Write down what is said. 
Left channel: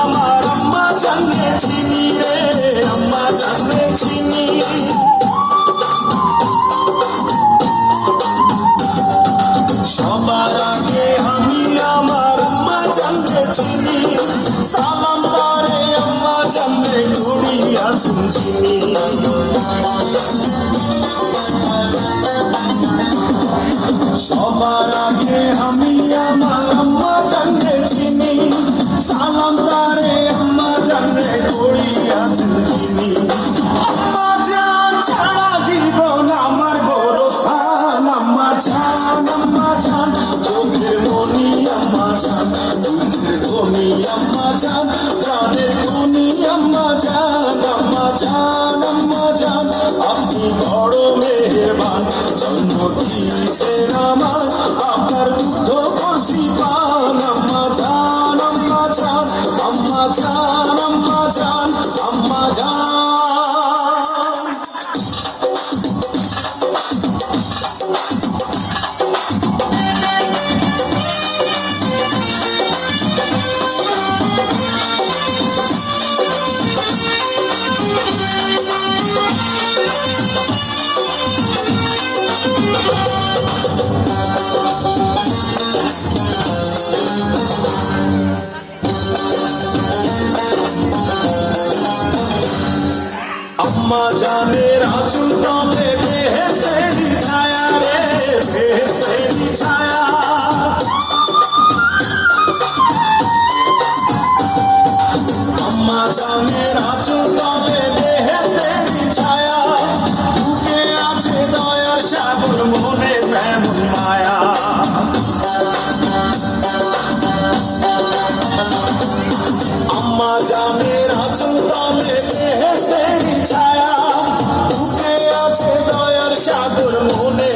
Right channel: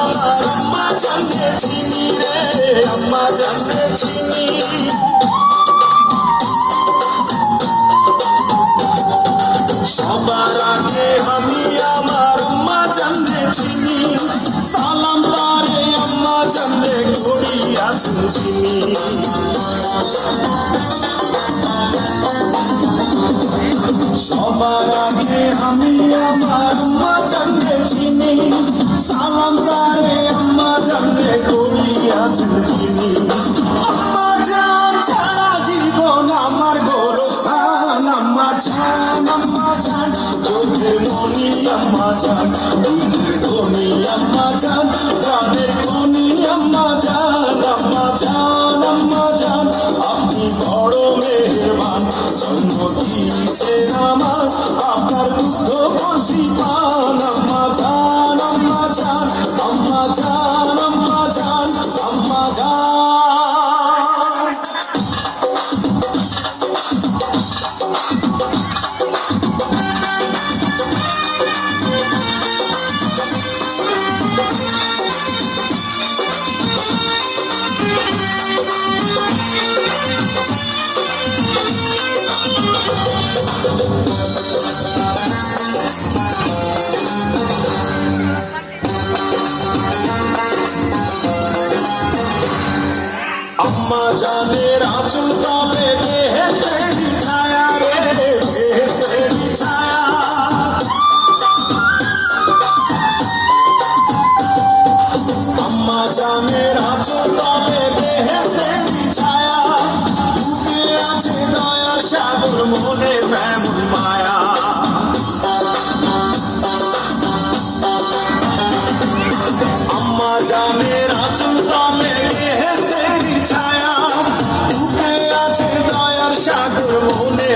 আমার আম্মা জানে চিনি রে, আম্মা জানে চিনি। সবার আগে আমি আমার আম্মা জানে চিনি, সালাম তারে আম্মা জানে করি আছেন চিনি। সবার আগে আমি আমার আম্মা জানে চিনি, সালাম তারে আম্মা জানে করি আছেন চিনি। আম্মা জান ছাড়া জীবন আমার গোরস্থান, আম্মা জান চোখের মনি আম্মা জান, দুধের ধনি আম্মা জান, প্রাণের ধনি আম্মা জান, আম্মা জান আপনি বড় মেহেরবান, জন্ম দিয়েছেন আমার আপনার দুধ করছি পান। আম্মা জান আম্মা জান আম্মা জান আম্মা জান আম্মা জান। আম্মা জানের আঁচল তলে বেহেশতেরি ছায়া রে, বেহেশতেরি ছায়া। আম্মা জানের আঁচল তলে বেহেশতেরি ছায়া, বুকে আছে দয়ার সাগর, মনে তেমন মায়া। আম্মা জানের আঁচল তলে বেহেশতেরি ছায়া, বুকে আছে দয়ার সাগর, মনে